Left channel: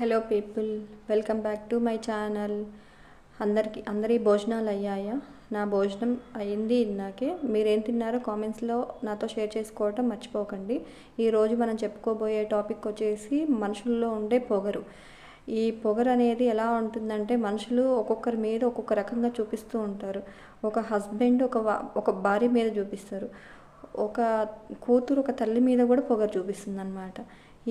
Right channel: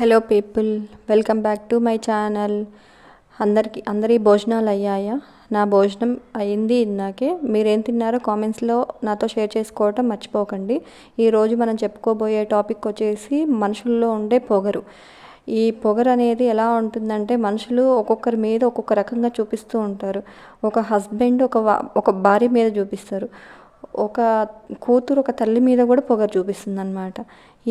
Hello people, welcome back to my channel. అందరి భోజనాలు అయ్యాయా? నా భోజనం అయింది ఇందాకే. మీరేం తిన్నారో కామెంట్స్లో నాతో షేర్ చేసుకోవటం మర్చిపోకండి. ఈరోజు మనం చెప్పుకోబోయే టాపిక్ వచ్చేసి మనుషుల్లో ఉండే పొగరు. ఈ పొగరు అనేది ఎలా ఉంటుందంటే, మనుషులు ఒక్కొక్కరి మీద ఒక్కొక్క రకంగా చూపిస్తూ ఉంటారు. ఒక హస్బెండ్ ఒక భార్య మీద చూపిస్తారు. ఒక కూతురు ఒక తల్లి మీద కూడా పొగరు చూపిస్తుంది అనమాట.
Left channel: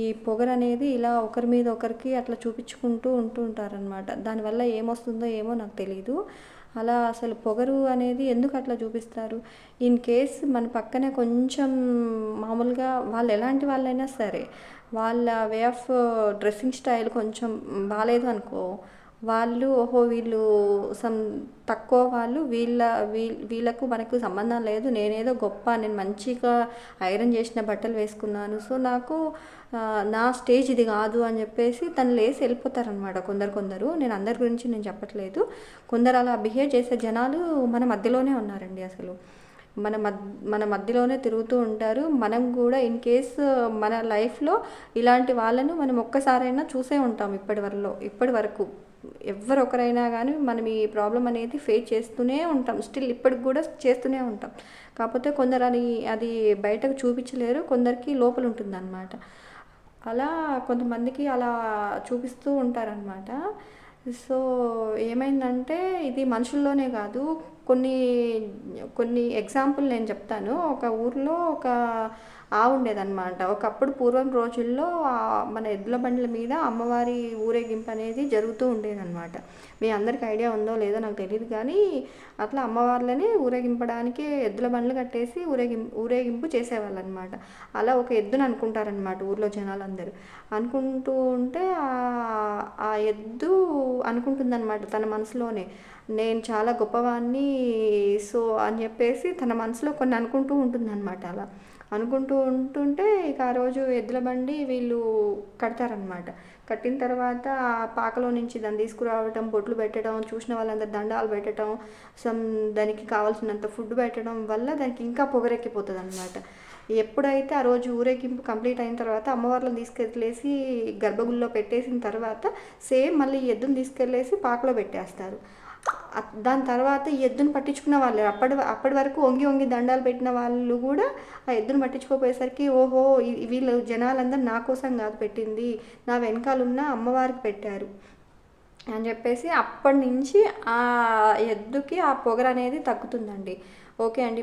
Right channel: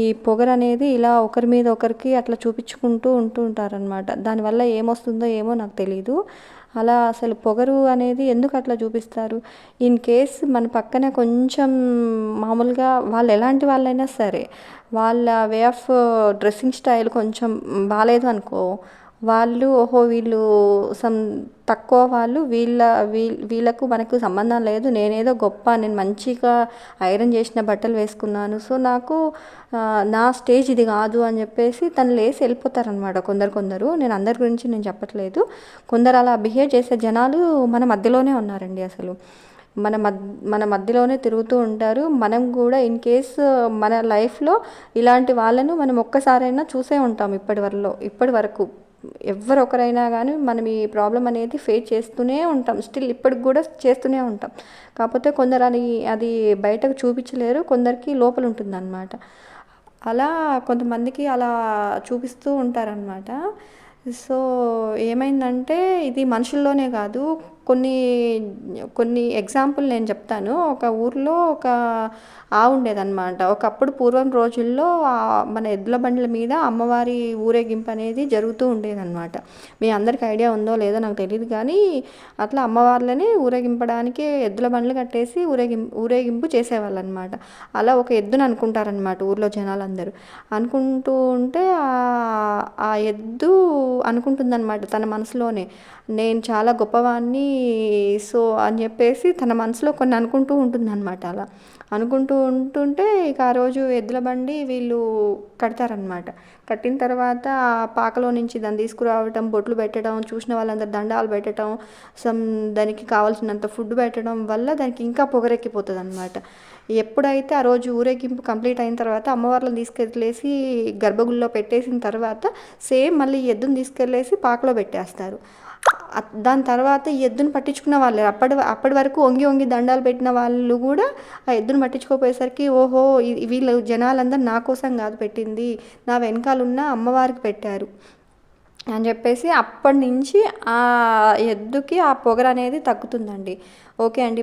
ఈ పొగరు అనేది ఇలా ఒకరి మీద ఒకరికి అట్లా చూపించుకుంటూ ఉంటారనమాట. దానివల్ల ఏమొస్తుందో ఏమో నాకు తెలీదు. అలా అసలు పొగరు అనేది ఎందుకు అట్లా చూపిస్తారు? ఇన్ కేస్ మన పక్కన కొంచెం మామూలుగా వాళ్ళు ఎలాంటి వాళ్ళైనా సరే, వాళ్ళ వే ఆఫ్ డ్రెస్సింగ్ స్టైల్ కొంచెం బాగాలేదు అనుకో, వాళ్ళు వీళ్ళు తక్కువ వాళ్ళు, వీళ్ళకు మనకు సంబంధం లేదు, నేనేదో గొప్ప, నేను మంచిగా ఐరన్ చేసిన బట్టలు వేసుకున్నాను, సో నాకు నా స్టేజ్ ఇది కాదు అని చెప్పేసి తను లేసి వెళ్ళిపోతారనమాట. కొందరు, నేను అందరి గురించి నేను చెప్పట్లేదు, కొందరు అలా బిహేవ్ చేసే జనాలు మన మధ్యలోనే ఉన్నారండి. అసలు మన మధ్యలోనే తిరుగుతూ ఉంటారు. మనం కూడా ఇన్ కేస్ మన లైఫ్లో ఇలాంటి వాళ్ళను మనం ఒక్కసారైనా చూసే ఉంటాం ఇప్పటి వరకు. ఎవరొకరైనా కానీ మనం ఈ ప్రాబ్లం అనేది ఫేస్ చేస్తూనే ఉంటాం, స్టిల్ ఇప్పటికి కూడా చేస్తూనే ఉంటాం. కాకపోతే కొందరు అది బయటకు చూపించలేరు, కొందరికి లోపల ఉంటుందన్నమాట. అలా కొంతమందికి అలా చూపిస్తూ ఉంటారనమాట. సో ఏమైందంటే, ఇది మనుషుల్లోనే కాదు, కొన్ని ఎగ్జాంపుల్ నేను చెప్తాను. ఒక ఊర్లో ఒక ఆవు ఉండేదన్నమాట. ఒకప్పుడు పూర్వం రోజుల్లో మన ఎద్దుల బండ్ల మీద అమ్మవారి ఊరేగింపు అనేది జరుగుతూ ఉండేదన్నమాట. మీ అందరికి ఐడియా ఉందో లేదో నాకు తెలియదు, కానీ అట్లా అమ్మవార్లని ఊరేగింపడానికి ఎద్దుల బండ్లు కట్టేసి ఊరేగింపు చేసేవాళ్ళు అనమాట. అలా ఒక ఎద్దును అనుకుంటారనమాట ఊర్లో జనాలందరూ. అనుకుంటూ ఉంటే ఆ ఎద్దు అనుకుంటుందన్నమాట తన మనసులోనే, నేను చాలా గొప్పవాణ్ణి, సో అని చెప్పేసి తన మనసులో కొన్ని అనుకుంటూ ఉంటుందన్నమాట. అలా అనుకుంటూ ఉంటుంటే ఇక ఆ రోజు ఎద్దుల బండి వీళ్ళు కడతారనమాట. కట్టిన తర్వాత ఆ పాకలో నుంచి దాన్ని తీసుకురావటం, బొట్లు పెట్టడం, చూసిన వాళ్ళందరూ దండాలు పెట్టడం, దానికి కావాల్సినంత ఫుడ్ పెట్టడం వల్ల దానికి ఇంకా పొగరెక్కిపోతుంది అనమాట. ఎప్పుడైతే ఆ రోజు ఊరేగింపు కంప్లీట్ అయిన తర్వాత అమ్మవార్లను తీసుకెళ్ళేసి గర్భగుడిలో పెట్టేసిన తర్వాత సేమ్ మళ్ళీ ఎద్దును తీసుకెళ్ళేసి పాకలో పెట్టేస్తారు. దాని తర్వాత ఈ ఎద్దును పట్టించుకున్న వాళ్ళు, అప్పటి వరకు వంగి దండాలు పెట్టిన వాళ్ళు కూడా ఆ ఎద్దును పట్టించుకోపోయేసరికి, వీళ్ళు జనాలందరూ నా కోసం కాదు పెట్టింది, నా వెనకాలన్న అమ్మవారికి పెట్టారు అని చెప్పేసి అప్పటి నుంచి ఆ ఎద్దుకి ఆ పొగరు అనేది తగ్గుతుందండి. ఓకే అండి.